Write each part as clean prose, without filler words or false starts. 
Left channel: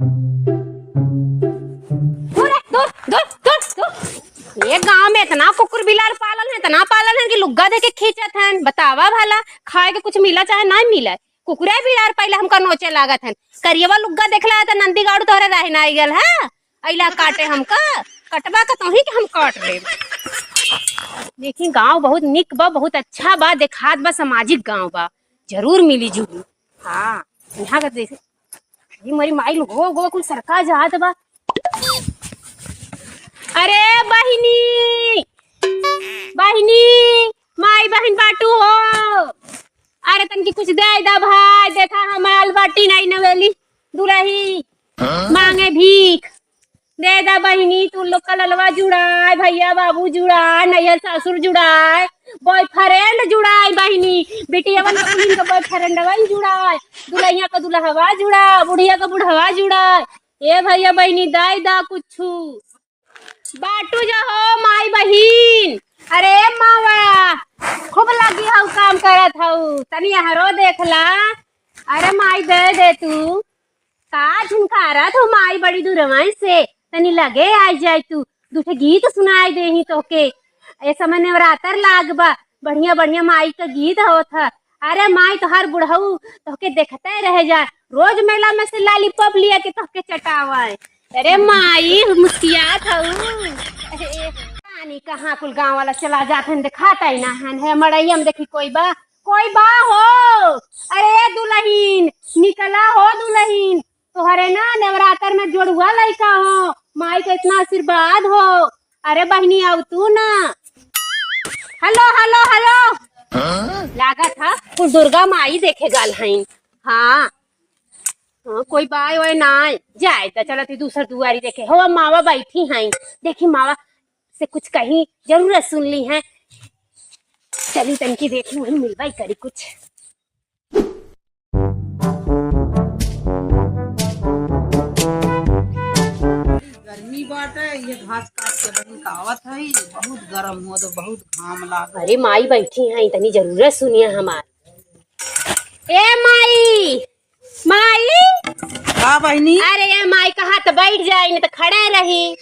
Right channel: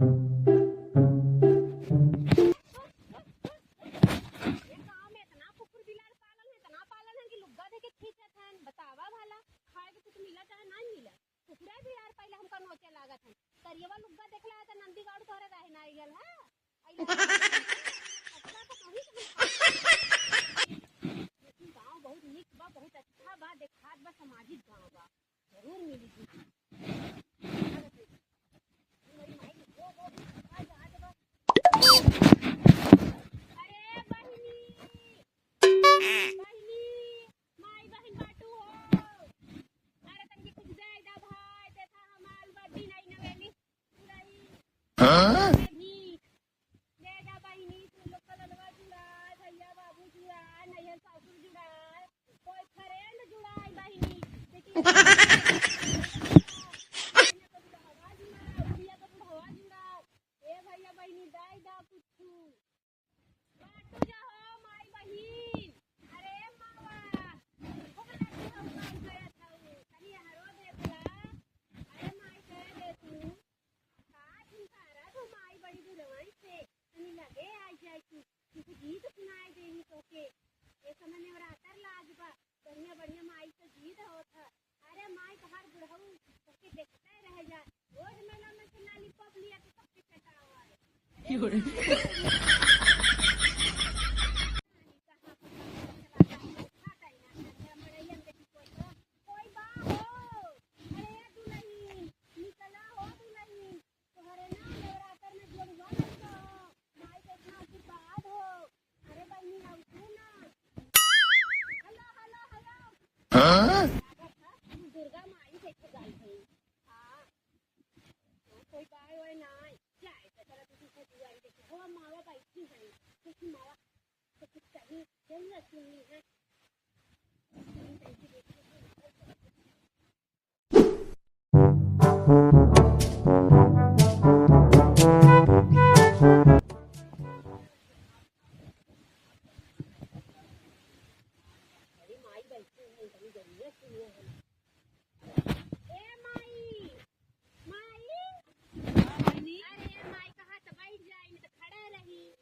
दूर है, दूर दूर दूर दूर। ये गांव में इतना कुकुर बिलार पालन है, इतना पालन है कि लुग्गा देके खींचत हैं। बतावा भला खाए के कुछ मिला चाहे ना मिला, कुकुरे बिलार पहले हमका नोचे लागत है। करियवा लुग्गा देखला त नंदी गाड़ू तोहरे रहे ना आइगल है अइला काटे हमका। कटवा का तो ही कि हम काट ले। देखी गांव बहुत निक बा, बहुत अच्छा बा, देखात बा, सामाजिक गांव बा, जरूर मिली जुली। हाँ यहाँ का देख मरी माई गो गो कुल सरका जात बा। अरे बहिनी बहिनी, माई बहन बाटू हो। अरे तनकी कुछ दे दा भाई, देखा हमाल बाटी नहीं नवेली दुलही मांगे भीख। दे दा बहिनी, तू लोग का ललवा जुड़ाए, भैया बाबू जुड़ाए, नैहर ससुर जुड़ाए, बॉयफ्रेंड जुड़ाए, बहिनी बेटिया वाला का बॉयफ्रेंड जुड़ाए, दुल्हैया का दुल्हवा जुड़ा, बुढ़िया का बुढ़वा जुड़ाए। ए भैया बहिनी दाई दा कुछ बाटू जा हो माई बहिन। अरे मावा खूब लगी हूँ काम करत हूँ, तनी हरो देखला। अरे माई दे तू का झुमकारा तो माई बड़ी दूरवाई से तनी लगे आ जाए तू दूठे गीत सुनाई दे ही तो के। ए समय नवरात्र लाग बा, बढ़िया बढ़िया माई का गीत होत था। अरे माई तो हर बुढ़ऊ तो के देखते रह जा, रोज मेला में से लॉलीपॉप लिया के तो के चटावा। अरे माई मुस्कियात हूँ पानी कहाँ कुल गाँव वाला चला जाते हैं, दिखाता ही ना है मड़ैया में देखी कोई बा हो। अरे दुल्हीन निकला हो दुल्हीन, तोहरे ना नवरात्र में जोड़ुआ लड़का हो, माई का इतना आशीर्वाद हो। अरे बहनी आओ तू ना। हेलो हेलो हेलो लागत था कुछ दुर्गा माई देखे गल हईन। हाँ कोई बाय ओए ना जाए तो चलती दूसर दुआरी देखे हो। मावा बैठी हैं, देखी मावा से कुछ कहीं जरूरत सुन ली है, चली तनकी देखी वही मिलवाई करी कुछ। गर्मी बाटे, ये घास काट के बनी कावत है, बहुत गरम हो तो बहुत घाम लाग। अरे माई बैठी हैं, तनी जरूरत सुनिए हमार। ए माई माई का बहनी? अरे ये माई कहा तो बैठ जाए नहीं तो खड़े रही।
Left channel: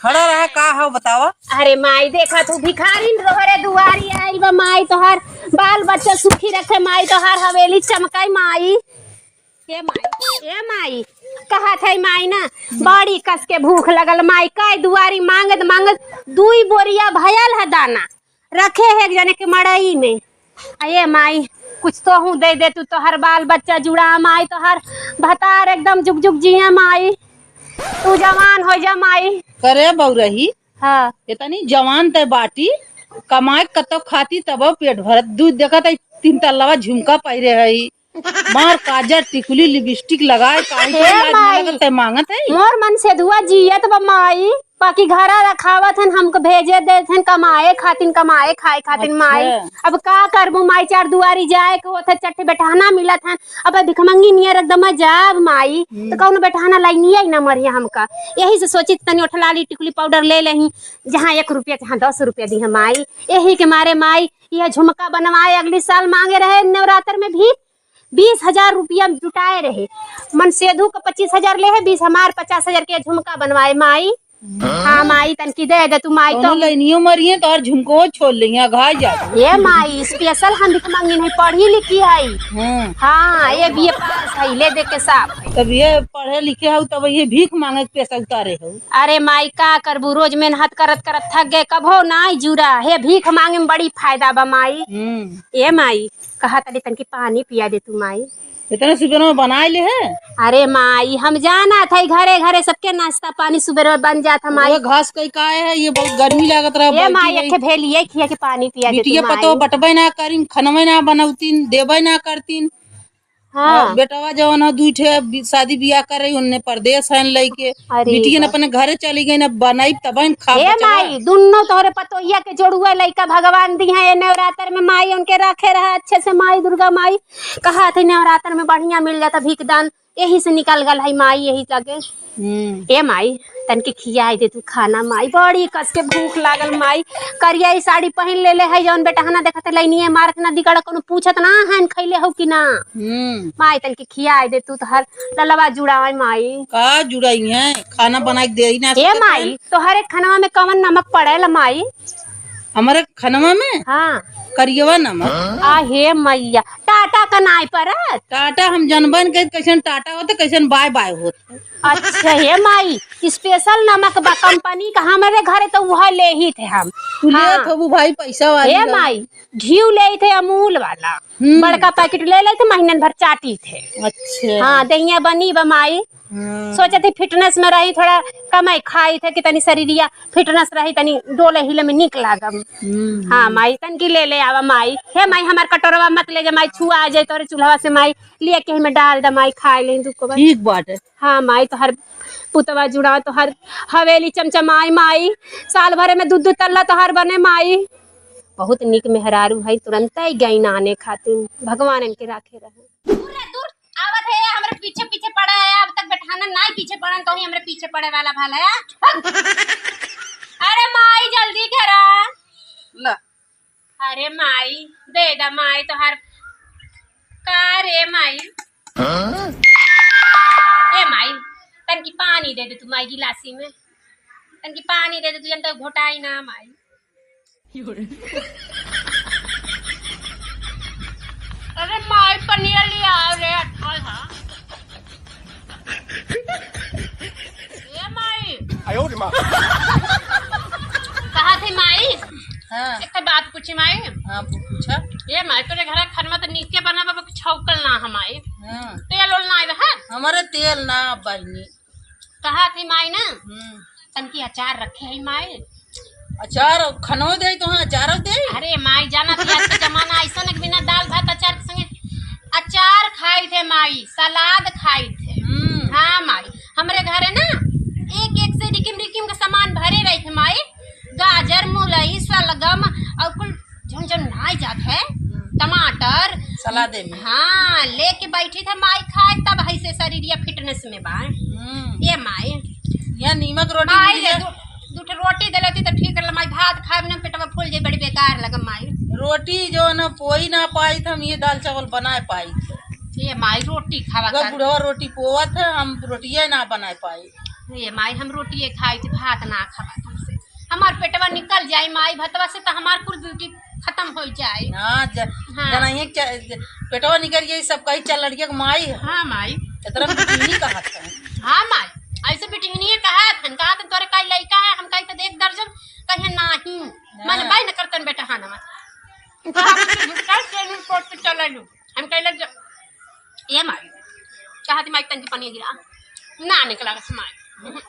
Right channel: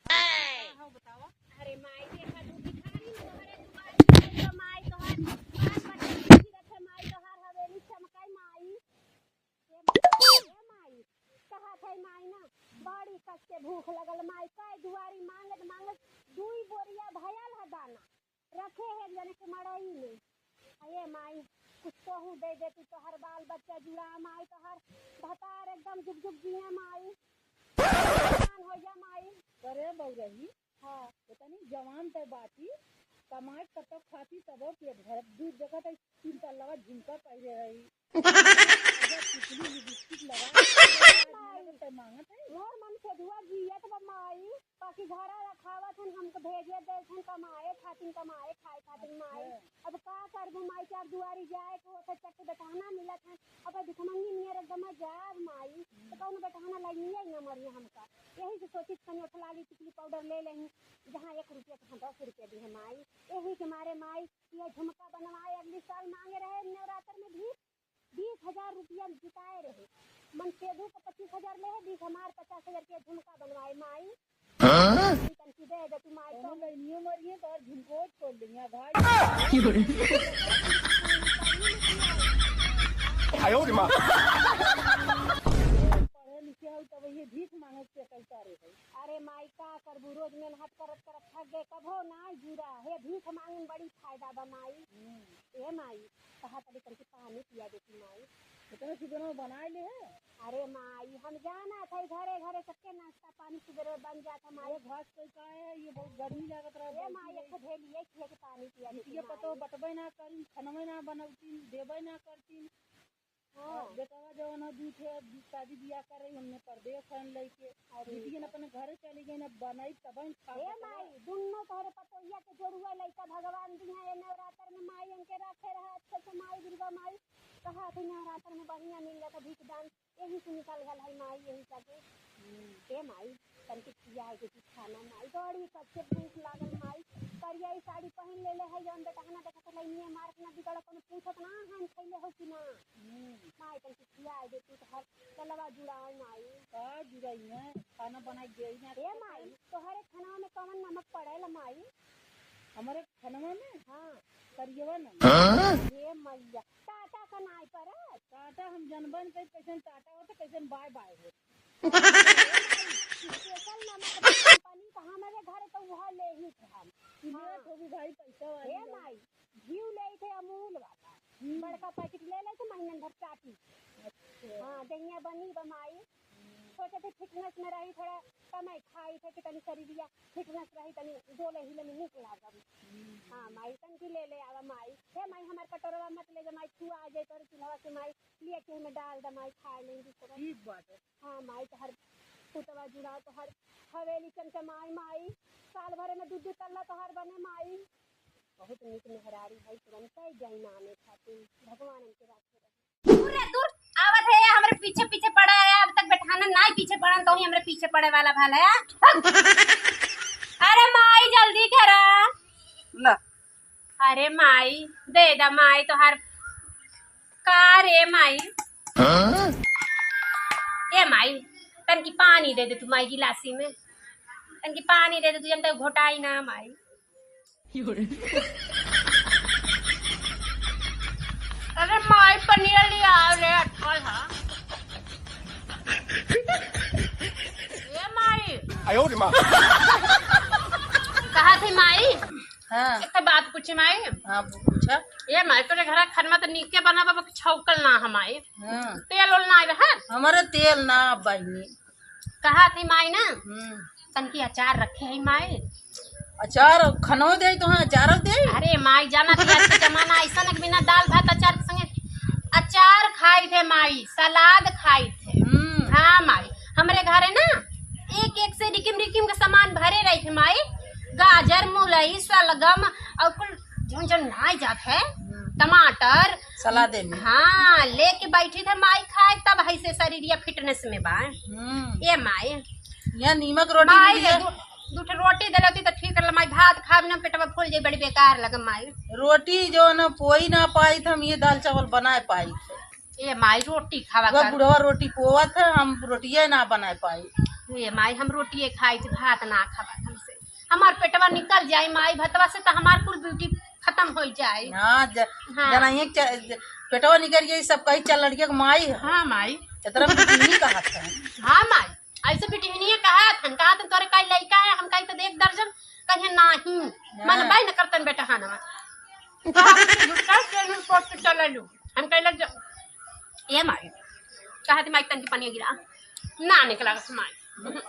खड़ा रहा का हो बतावा। अरे माई देखा तू भिखारी रोहरे दुआरी आइल बा, माई तो हर बाल बच्चा सुखी रखे, माई तो हर हवेली चमकाई। माई ए माई कहा थे माई ना बड़ी कस के भूख लगल, माई का दुआरी मांगत मांगत दुई बोरिया भयल है दाना रखे है एक जने के मड़ई में। अये माई कुछ तो हूँ दे तू, तो हर बाल बच्चा जुड़ा, माई तो हर भतार एकदम जुग जुग जिये, माई तू जवान हो जा माई। करे बौरही हाँ इतनी जवान ते बाटी कमाए कतो खाती तब पेट भरत। दूध देखा था 3 तल्लावा झुमका पहिरे है, मार काजर टिकुली लिपस्टिक लगाए मांगत है। मोर मन से धुआ जियत बा माई, बाकी घरा रखावत हन हमको भेजे देथन कमाए खातिन, कमाए खाए खातिन। माई अब का करबू माई, चार दुआरी जाए के होथे, चट्टे बैठाना मिलत हन। अब भिखमंगी नियर एकदम जाब माई तो कौन बैठाना लाइनी ही ना मरिया हमका। यही से सोची तनी उठलाली टिकुली पाउडर ले लही, जहाँ 1 रुपया जहाँ 10 रुपया दी है माई। यही के मारे माई यह झुमका बनवाए, अगले साल मांगे रहे नवरात्र में भी 20,000 रुपया जुटाए रहे। मन सेधु का 25,000 ले है, 20 हमार 50,000 के झुमका बनवाए माई। हाँ माई तनकी दे तू माई तो लइनियो मरिए तो और झुमको छोड़ लिया घा जा। ये माई स्पेशल हम भिखमंगी नहीं पढ़ी लिखी है। हाँ ये भी ले दे के साहब तब ये पढ़े लिखे हो तब ये भीख मांगे के पैसा उतारे हो। अरे माई का करबू, रोज मेहनत करत करत थक गए, कभो ना जुड़ा है भीख मांगे में बड़ी फायदा बा माई। ये माई कहा तनी तनकी पानी पिया दे तू माई। इतने सुबह में बनाए ले है। अरे माई हम जाना था घरे घरे सबके नाश्ता पानी सुबह बन जाता माई। घास कई का है, ये बहुत गर्मी लागत रहा। ये माई अखे भेलिए खिया के पानी पिया दे तू माई। पतो बटबे ना करीन, खनवे ना बनौतीन, देबे ना करतीन। हाँ बेटवा जवन हो दूठे शादी बियाह कर रही, उनने परदेश है लइके, बिटिया अपने घरे चली गई ना बनाई तब खा। ए माई दुन्नो तोहरे पतोहिया के जोड़ुआ लइका भगवान दी है। नवरात्र में माई उनके रखे रहा अच्छे से। माई दुर्गा माई कहा थे नवरात्र में बढ़िया मिल जाता भीख दान, यही से निकल गल है माई, यही लगे। ए माई तनके खियाई दे तू खाना माई, बड़ी कस के भूख लागल माई। करिया ई साड़ी पहन ले ले है जौन बेटा हना देखत लाइनिए मारत ना दिगड़ कोनो पूछत ना हन खइले हो कि ना। माई तनके खियाई दे तू, तो हर ललवा जुड़ावा माई। का जुड़ाई है, खाना बना के दे ही ना ए माई तो हर एक खाना में कवन नमक पड़ेला माई? हमारे खानवा में हाँ करियवा नमक। आ हे मैया टाटा का नाई परत। टाटा हम जनबन के कैसन टाटा होते कैसन बाय बाय होते। अच्छा हे माई स्पेशल नमक बा कंपनी का, हमारे घरे तो वह ले ही थे हम। तू ले थबू भाई पैसा वाली। हे माई घी ले थे अमूल वाला, बड़का पैकेट ले थे, महीने भर चाटी थे। अच्छा हाँ दहिया बनी बा माई। सोचे थे फिटनेस में रही, थोड़ा कमाई खाई थे कि तनी शरीरिया फिटनेस रही, तनी डोले हिले में निक लागम। हाँ माई तन की ले ले आवा माई। हे माई हमार कटोरवा मत ले जा माई, छुआ आ जाए तोरे चूल्हा से माई, लिए के में डाल द माई, खाए ले दुको बस। ठीक बात है। हाँ माई तो हर पुतवा जुड़ा तो हर हवेली चमचमाई माई, साल भरे में दूध तल्ला तो हर बने माई। बहुत निक मेहरारू है, तुरंत ही गई नाने खातिर, भगवान इनके राखे रहे। दूर रे दूर आवत है, हमरे पीछे पीछे पड़ा है, अब तक बैठाना ना पीछे पड़न तो ही हमरे पीछे पड़े वाला भाला है। अरे माई जल्दी करा ला। अरे माई दे दा माई तो हर का रे माई। ए माई तन की पानी दे दे तू माई गिलासी में, तन की पानी दे दे तू, जनता घोटाई ना माई। अरे माई पनीर लिया रे अटल। हाँ ए माई आयो रे माँ। कहा थे माई? हाँ एक बात पूछी माई। हाँ पूछा। ये माई तोरे घर खाना तो नीचे बना बाबा छौकल ना हमाई, हाँ तेल ओल ना है हमारे तेल ना बहनी। कहा थी माई ना तन की अचार रखे है माई। अचार खनो दे तो हाँ अचार दे। अरे माई जाना थी आज का जमाना ऐसा न बिना दाल भात अचार के संगे अचार खाई थे माई, सलाद खाई थे। हाँ माई हमरे घर है ना एक एक से रिकिम रिकिम के सामान भरे रही थे माई, गाजर मूलई सलगम और कुल जौन जौन नाई जात है, टमाटर सलादे में। हाँ लेके बैठी थे माई खाए, तब ऐसे शरीर या फिटनेस में बा। ये माई यहाँ नीमक रोटी माई मिली है। दूठ रोटी दिलती तो ठीक रहा माई, भात खाए ना पेटवा फूल जाए, बड़ी बेकार लगा माई। रोटी जो न पोई ना पाई थे, हम ये दाल चावल बना पाई थे। ये माई रोटी खावा अगर कर। बुढ़वा रोटी पोवा था, हम रोटिया ना बना पाई। ये माई हम रोटी खाई थी, भात ना खावा हमसे, हमार पेटवा निकल जाए माई, भतवा से तो हमार कुल ब्यूटी खत्म हो जाए। हाँ जनाइए पेटवा निकल गई सब कही चल लड़किया के माई है। हाँ माई इतना बिटनी कहा था। हाँ माई ऐसे बिटिहनिए कहा थन कहा तो तोरे कई लड़का है, हम कही तो देख दर्जन कहे नहीं मन बाई न करतन बेटा। हाँ नमस चल लू हम कह लग ये माई कहा थी माई तन की पानी गिरा ना निकला माई,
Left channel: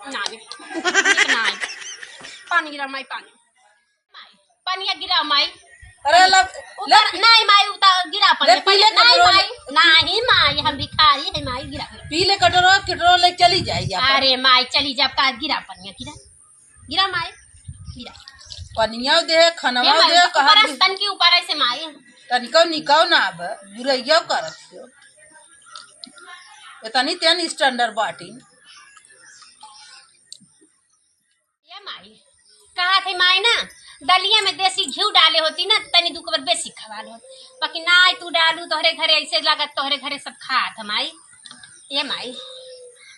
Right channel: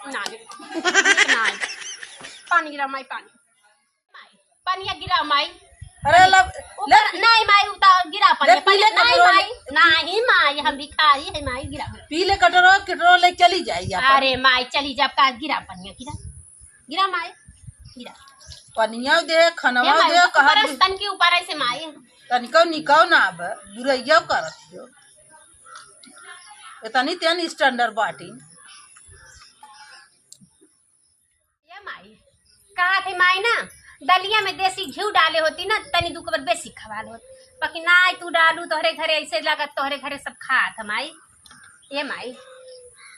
ना ना पानी गिरा माई, पानी गिरा माई। अरे नहीं माई उतार गिरा पानी नहीं माई, नहीं माई हम भिखारी है माई, गिरा पी ले कटोरो कटोरो ले चली जाइए। अरे माई चली जा का गिरा पानी, गिरा गिरा माई गिरा पनिया दे खनवा दे कहा तन के ऊपर ऐसे माई तनिको निकाओ ना अब बुरैया करत हो इतनी तेन स्टैंडर्ड बाटी। ये माई कहा थे माई ना दलिया में देसी घी डाले होती ना तनी दू कबर बेसी खवाल होत, बाकी ना तू डालू तोहरे घरे ऐसे लागत तोहरे घरे सब खात माई। ये माई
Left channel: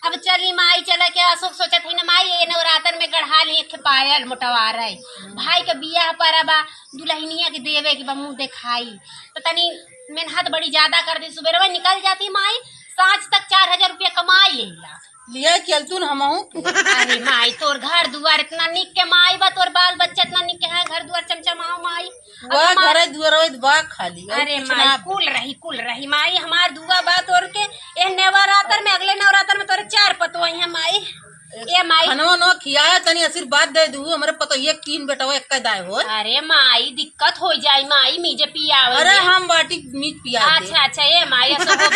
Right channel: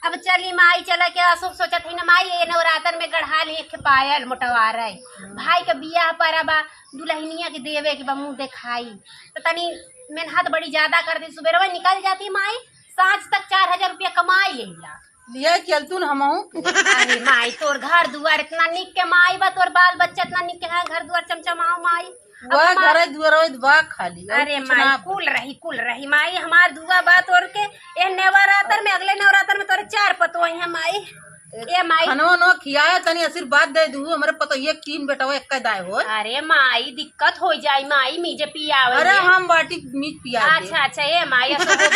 अब चली माई चला के अशोक सोचा थी ना माई ये नवरात्र में गढ़ा ली एक पायल मोटवा रही, भाई का बियाह पर अब दुल्हनिया के देवे के मुँह दिखाई तो तनी मेहनत बड़ी ज्यादा कर दी, सुबह निकल जाती माई सांझ तक 4000 रुपया कमाई लेला लिया चलतू न हमहू। अरे माई तोर घर दुआर इतना निक के माई बा, तोर बाल बच्चा इतना निक के है, घर दुआर चमचमाओ माई वह घर दुआर बा खाली। अरे माई कुल रही माई हमार दुआ बा तोर के ए नवरात्र में, अगले नवरात्र में तोरे 4 पतो है माई। ए माई खनवा नो खियाया तनी आशीर्वाद दे दू हमरे पतो एक 3 बेटा एक दाय हो। अरे माई दिक्कत हो जाई माई मीजे पियावे। अरे हम बाटी मीट पिया दे। अच्छा ए माई ऐसा हो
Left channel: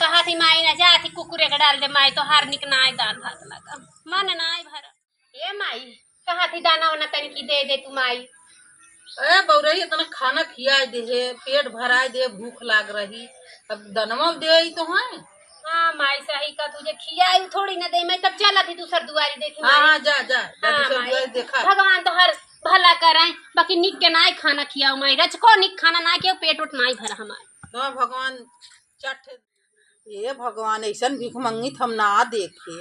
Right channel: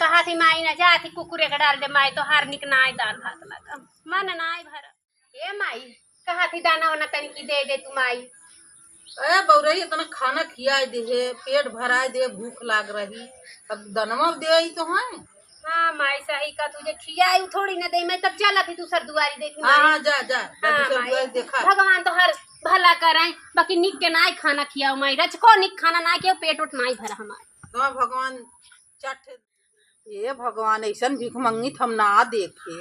कहा थी माई ना जाती कुकुरे का डाल दे माई तो हार निक नाय दाल भात लगा मन नाय भर। ए माई कहा थी दाना वाना तनी की दे तू माई। ए बौरई इतना खाना खिया दे, पेट भरा दे, भूख लाग रही, अब दनवा दे तो है। हाँ माई सही का तुझे खियाई थोड़ी न दे मैं तब चला थी दूसर दुआरी देखी हाँ हाँ जा जा हाँ, दूसरा माई। दुआर देखा। भगवान तो हर भला कराए बाकी निक के नाई खाना खियाओ माई रचको निक खाना ना के पेट उठ नाई भरा हमार तो भगवान चट ये भगवान ऐसा भीख मंगी हम ना देखे।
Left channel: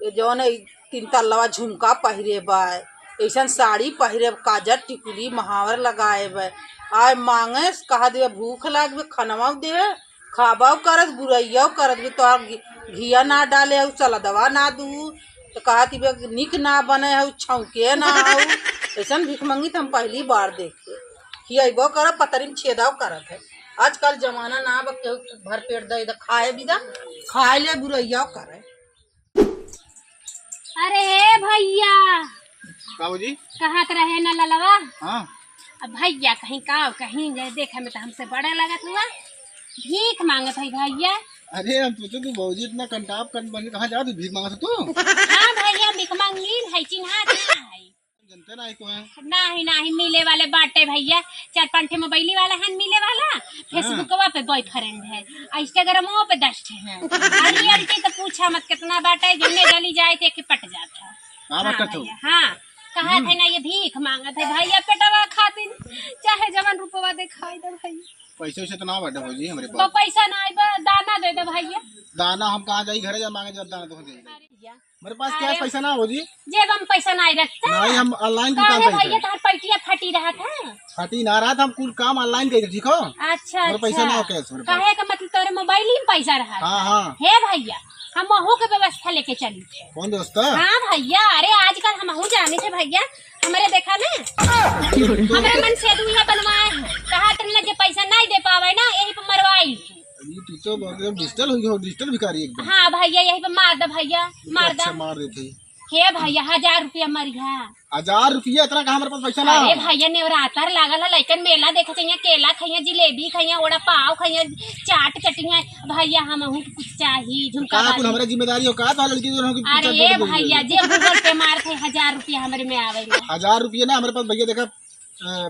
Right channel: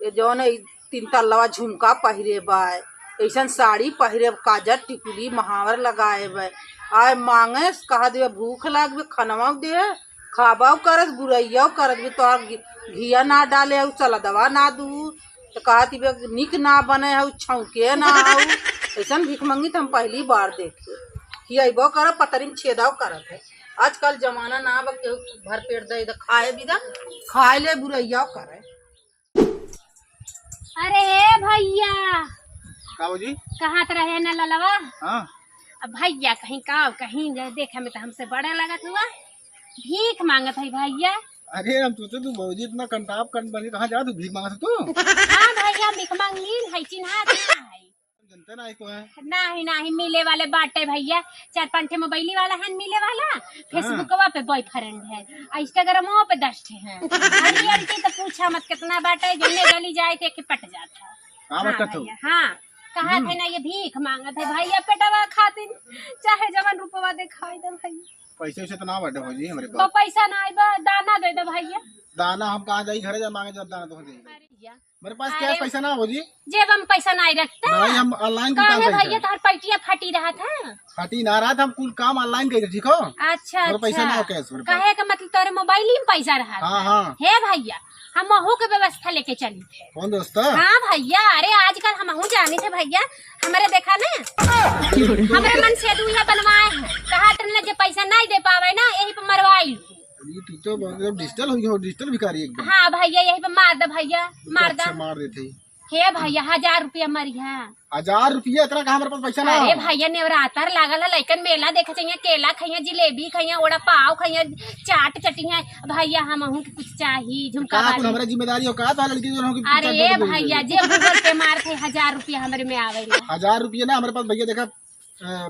ये जौन 3 तल्लवा झुमका पहिरे बा, ऐसा साड़ी पहिरे, काजर टिकुली महावर लगाए बा, आय मांगे कहा दे भूख लागबे खनवा दे खाबा करत बुरैया करत बे तोहर घिया ना डाले हऊ चला दवा ना दू तो कहती बे निक ना बने हऊ छौके ना हऊ। ऐसा भीख मंगी हम पहली बार देखे। खियाबो कर पतरी में छेदाव करत है। आजकल जमाना ना बा केहू भर पेट दे खाए भी दा खाए ले बुरैया करे। अरे भैया जी कहाँ तो रहे ना ललवा। हाँ अब भैया कहीं का कहीं जाए देखे में तो हमसे बड़ा लगत हुआ भीख मांगत है भैया। अरे हम सोचे तू भौजी इतना कंटाप कन बनी कहाँ जा तू भीख मांगा तू हाँ भैया भीख मांगी है चिन्हा है जनते ना को है नहीं नहीं मिले वाले बाटे भैया 4-5 मोबाइली वाला है मिले वाला फेसबुकवा पे बॉयफ्रेंड है इंस्टाग्रामवा पे 10 है रियलिटी तो पूछा मत कितना बाटे जिन्ने गली जाए थे कि पट जाता। हाँ हाँ बता तो भैया हाँ कहा थे ना ये भीख मांगत है भैया पेटवा खातिर चाहे जवन रुपवा दे खाई दे भैया पैसे वैसे तो ना बाटे भौजी हमारे तो पास पैसा ना आइबा दाना दे दे भैया। दाना हम कहाँ जाई घरे जा मांगे जब दाना तो दे मेरे पास क्या अरे पैसा ना भौजी जेब हम पैसा नहीं रखता नहीं हम ऑनलाइन काहे दुकान भैया पैसा तार पलटिया फटी रहा था। फटी ना रहा था हम कुल काम ऑनलाइन कर ठीक हो। अच्छा मेरे पैसा ना हो अच्छा कैश मेरे पास। कहे का मतलब तोरे मोबाइल में पैसा रहा था। हाँ हाँ हे भैया हम महू के व्यवस्था लेके चली थे। कौन दोस्त हाँ भैया अरे आजकल हम महू जाने थे भैया हमारे देखा ना हमारे मन से दुनिया बनवाए हैं कहा तुमने जो पैसा नहीं दे पावे ना यही पे मरवाई तू तो डिजिटल हुई हो डिजिटल भिखारी एकदम। हाँ भैया यही पे मार दे भैया मार दे अच्छा मार देते हे भैया 1000 रुपया मरिया 1000 रुपया इतना कहाँ हमारे पास पैसा ना अरे भैया नेवरातर लागल है लइकन मेला देखे चाहिए केला खाइए जिलेबी खाइए ओड़ा पाव खाइए चाट चटिया भैया हम हूँ कुछ चाहिए झुमका कहाँ कुल हमारा जिम्मेदारी हो कहा तो लड़की जो होगी अरे ये भैया जे गूगल पे मार थे 1000 रुपया हमारे में आवे 1000 रुपया ना हमारे पास भैया देखा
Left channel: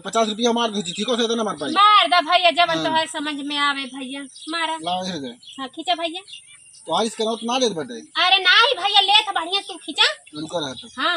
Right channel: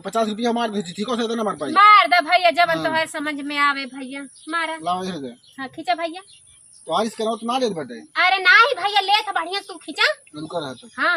50 रुपया मार दीजिए ठीक हो सकता ना मार पाई मार दे भैया जब तो है समझ में आवे भैया मारा लाओ ये दे हाँ खींचा भैया तो आज करो तो ना ले बेटे अरे नहीं भैया ले था बढ़िया तू खींचा रुको रहा तो हाँ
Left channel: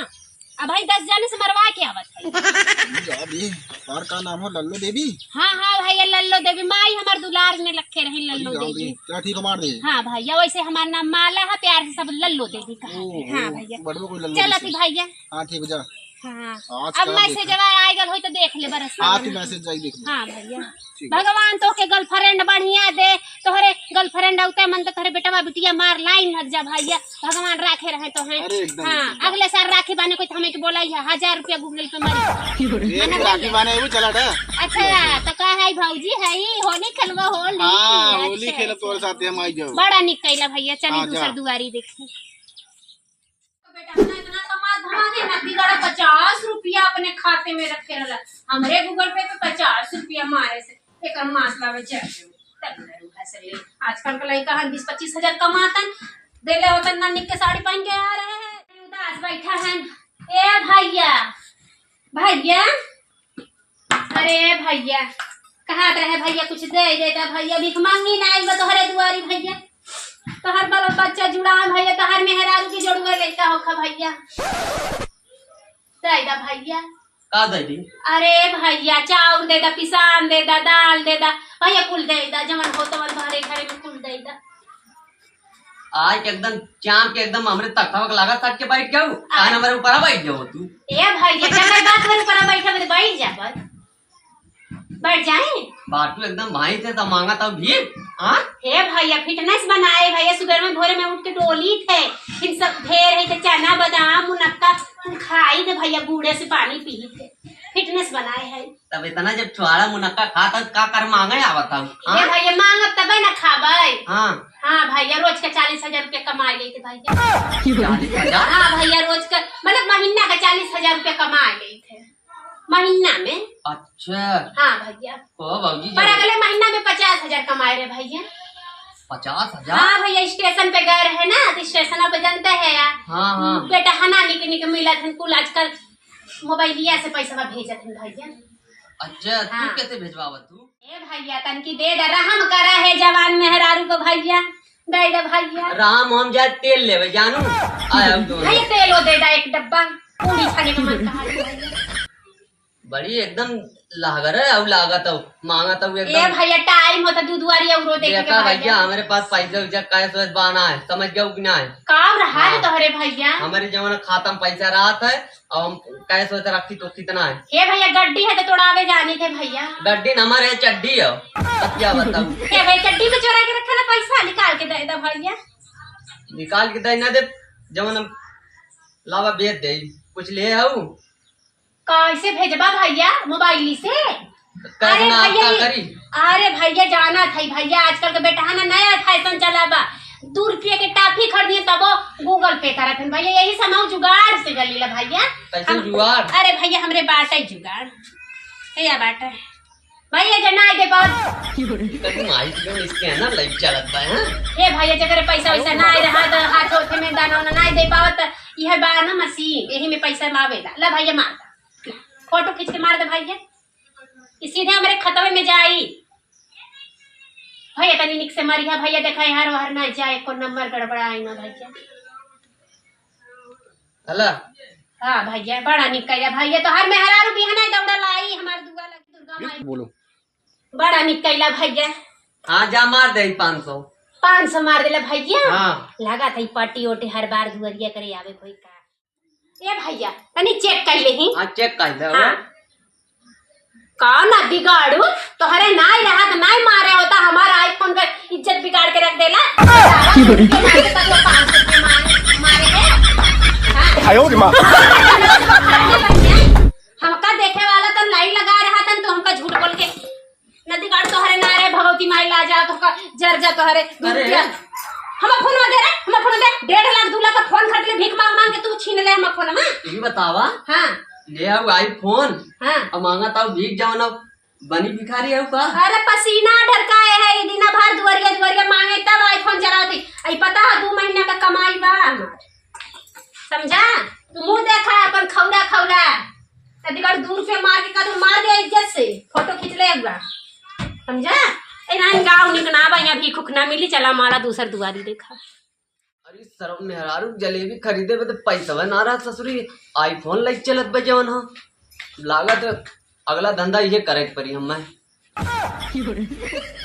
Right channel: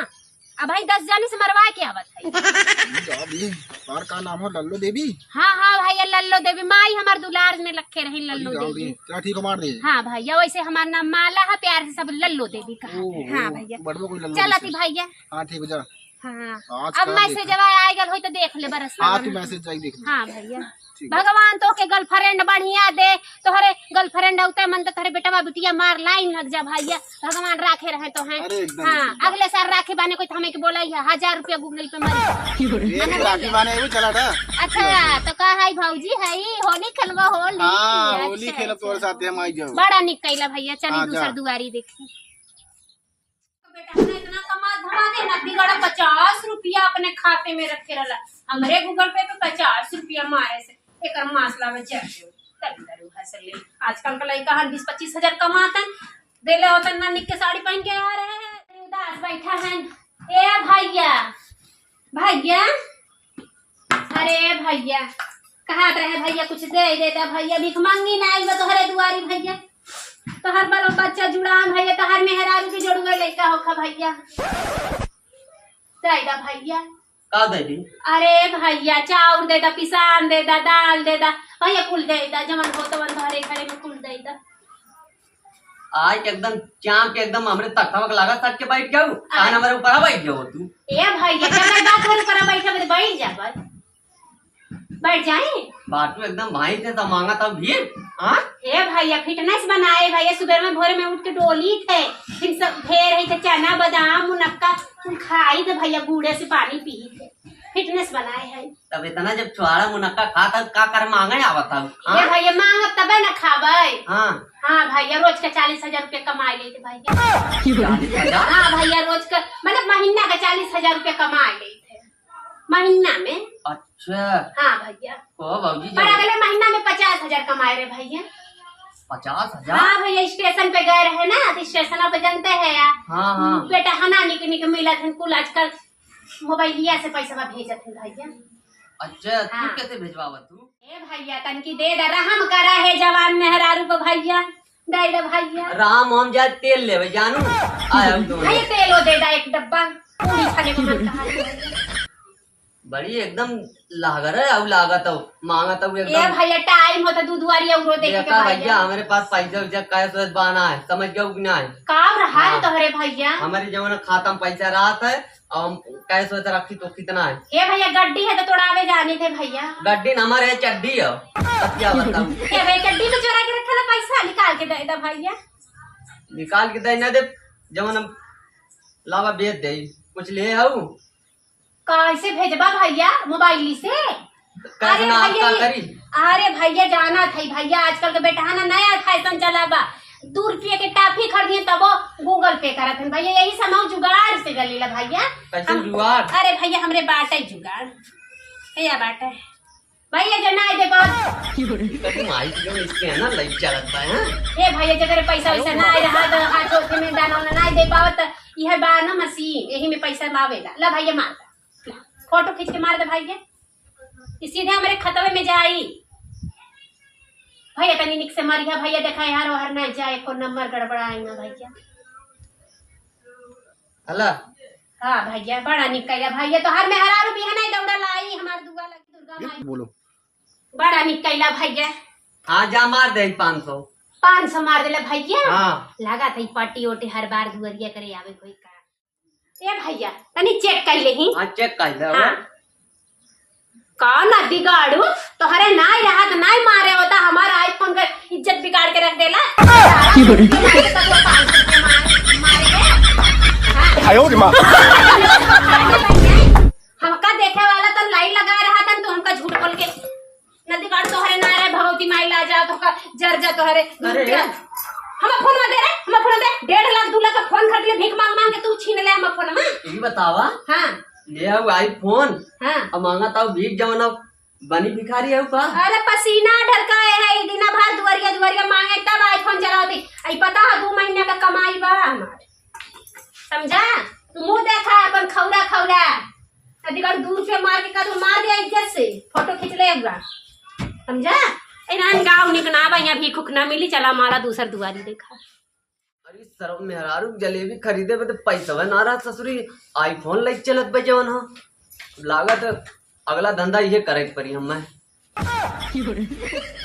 अब भाई 10 जाने से मरवा के आवत है अभी बार का नाम हो लल्लो देवी। हाँ हाँ भैया लल्लो देवी माई हमार दुलार में रखे रही लल्लो देवी। क्या ठीक हो मार दे। हाँ भैया वैसे हमारा नाम माला है प्यार से सब लल्लो देवी कहा हाँ भैया बड़ो कोई लल्लो चला थी भैया हाँ ठीक हो जा हाँ आज अब का मैसेज जब आए गल हो तो देख ले बरस हाँ तू मैसेज जाई देख ले। हाँ भैया ठीक है। भगवान तो के गर्लफ्रेंड बढ़िया दे तोहरे गर्लफ्रेंड होते मन तो तोहरे बेटवा बिटिया मार लाइन लग जा भैया भगवान राखे रहे तो है अरे एकदम हाँ अगले साल राखी बाने कोई हमें के बोला है 1000 रुपया गूगल पे मार ये भी राखी बाने वो चला था। अच्छा तो का है भौजी है होली खेलवा होली हाँ होली अच्छा, खेलब तोरे साथ हम आई जाओ। बड़ा निक कैला भैया चली हाँ, दूसर जा। दुआरी देखी बेटा इतना कमा धमा दे ना बिगड़ा 50 रुपया अपने खाते में रखे रहला हमरे गूगल पे 50 रुपया मारे से एक मासला में चल तल्लरू हसले आजकल का लड़का 20-25 हजार कमातन देले होतन ना निक के साड़ी पहन के आ रहे हैं उदास बैठा है। ए भैया भैया अरे भैया कहा रहे भैया कुछ दे देता भैया भीख मांगी ना आई तोहरे दुआरी भैया तोहर बाल बच्चा जुड़ा भैया तोहर मेहरारू की जोड़ुआ लड़का होखा भैया दे दा भैया का दी अरे भैया चाउर दे दा पिसान दे दा दाल दे दा भैया कुल दे दा जमन हो तवन घरे घरे में कुल दे दा आज एकदम चाम के एकदम हमरे तख्तावक लगा सट के बैठ जाऊ कान हमारे ऊपर बैठ जाओ तू ए भैया जब बात करे पर बैठा बैठ जा बस बैठ जाए बाटू एकदम भाई से तो मांगा तब भी हाँ हे भैया फिटनेस बनाए भैया सुबह में भोरे में उठ के डोली थे फिर सब ढेर है थे चना बादाम मुनक्का तुम खाई थे भैया बूढ़े से पानी पी थे फिटनेस बनाए है तब इतना जब छुआरा मुनक्का खाता का कर मांगे आवत ये भैया मांगब तबे ना खाबे हाँ हाँ भैया रोज का 40,000 रुपया कमा गई थे भैया 40,000 हाँ भैया रोज का मतलब महीना का 40,000 रुपया कमा गई थे महीना में। अच्छा हाँ भैया ओ बाबूजी पर अगले महीना में 50,000 कमाए रहे भैया। 50,000 हाँ भैया स्टेशन पे गए रहे ना तो स्टेशन पे जानते है यार हाँ हाँ बेटा हना निक मिला था कुल आजकल मोबाइलिया से पैसा भेजत है भैया। अच्छा तू हाँ। कैसे भेजवावा तू ए भैया तनकी दे दा रहम करा है जवान मेहरारू को भैया दे दे भैया राम हम जाए तेल लेवे जानू आया दोनों भैया तेल वो दे दे एक डब्बा पूरी खाने को मन कहा है। बड़ी एकदम लागर है अब लागत हो मांगा तो ए एकदम भैया टाइम होता दूध वाली औरो देखे के देखा भैया भैया हमारे पास पैसा वैसा काय सोच बाना है समझ गया कि ना है काम रहा है हाँ। तोहरे भैया हमारे जमाना खाता में पैसा रहा था अब हम काय सोच रखी तो कितना है ए भैया गड्डी है तो तोड़ावे जाने थे भैया गड्डी न हमारे चड्डी है तब क्या बताऊं ए भैया चड्डी में चोरा के रखा ना पैसा निकाल के दे दे भैया निकाल के दे ना दे जवन लावा बेच दे कुछ ले आऊ कैसे भेजबा भैया मोबाइल से कैसे नाश्ता करी अरे भैया जाना था भैया आजकल के बेटा ना नया फैशन चला बा 2 रुपये के टाफी खरीदिए तब गूगल पे करत हन भैया यही समाव जुगाड़ से गलीला भैया कैसे जुगाड़ अरे भैया हमरे बाटे जुगाड़ या बाटे भैया जना दे बहुत कभी माई जो इसके है ना लाइफ चलत बा हैं ए भैया जगह पैसा वैसा ना आए रहा तो हाथ होते में दाना ना दे पावत यह बा ना मशीन यही में पैसा मावेला ला भैया मार दा फोटो खींच के मार दे भैया सीधे हमारे खतवे में जाई भैया तनी निक से मरिया भैया देखा यार वहर ना जाए को नंबर गड़बड़ाए ना भैया हला हाँ भैया बड़ा निकला भैया तो हर में हरा रुपया नहीं दौड़ा लाई हमार दुआ लगी दुर्गा माई बोलो बड़ा निकला भैया हाँ जा मार दे 500 500 मार देला भैया हाँ लगा था पट्टी ओटे हर बार दुआरिया करे आवे कोई का ए भैया तनी चेक कर ले ही हाँ चेक कर ले हाँ कौन ना बिगाड़ू तोहरे नाई रहा तो नाई मारे होता हमारा आईफोन का इज्जत बिगाड़ के रख देला हमका देखे वाला तो लाइन लगा रहा था तो हमका झूठ बोल के नदी बिगाड़ तोहरे ना रहे भगवती माई ला जा तो जर जा तोहरे अरे हम फोन में दे रहे हम फोन दे 1.5 लाख 2 लाख का फोन खरीद ले भीख मांग मांग के तू छीन ले हम फोन में ये बतावा हाँ ले आओ आईफोन हाँ अब मांगा ताऊ भीख जवाना बनी भिखारी है का अरे पसीना ढरकाए है ये दिन भर दुआरिया दुआरिया मांगे तब आईफोन चलाती आई पता है 2 महीने का कमाई बा हमार समझा तू मुंह देखा अपन खौरा खौरा अधिकार 2 रुपये मार के का मार दे इज्जत से फोटो खींच ले हुआ समझा एनान गाँव निकना बा यहाँ भी खुखना मिली चला मारा दूसर दुआरी देखा अरे सरव मेहरारू जलेबी खरीदे बे तो पैसा ना रहा ससुरी आईफोन लाइक चलत बे जवन हो लागत अगला धंधा ये करे परी हम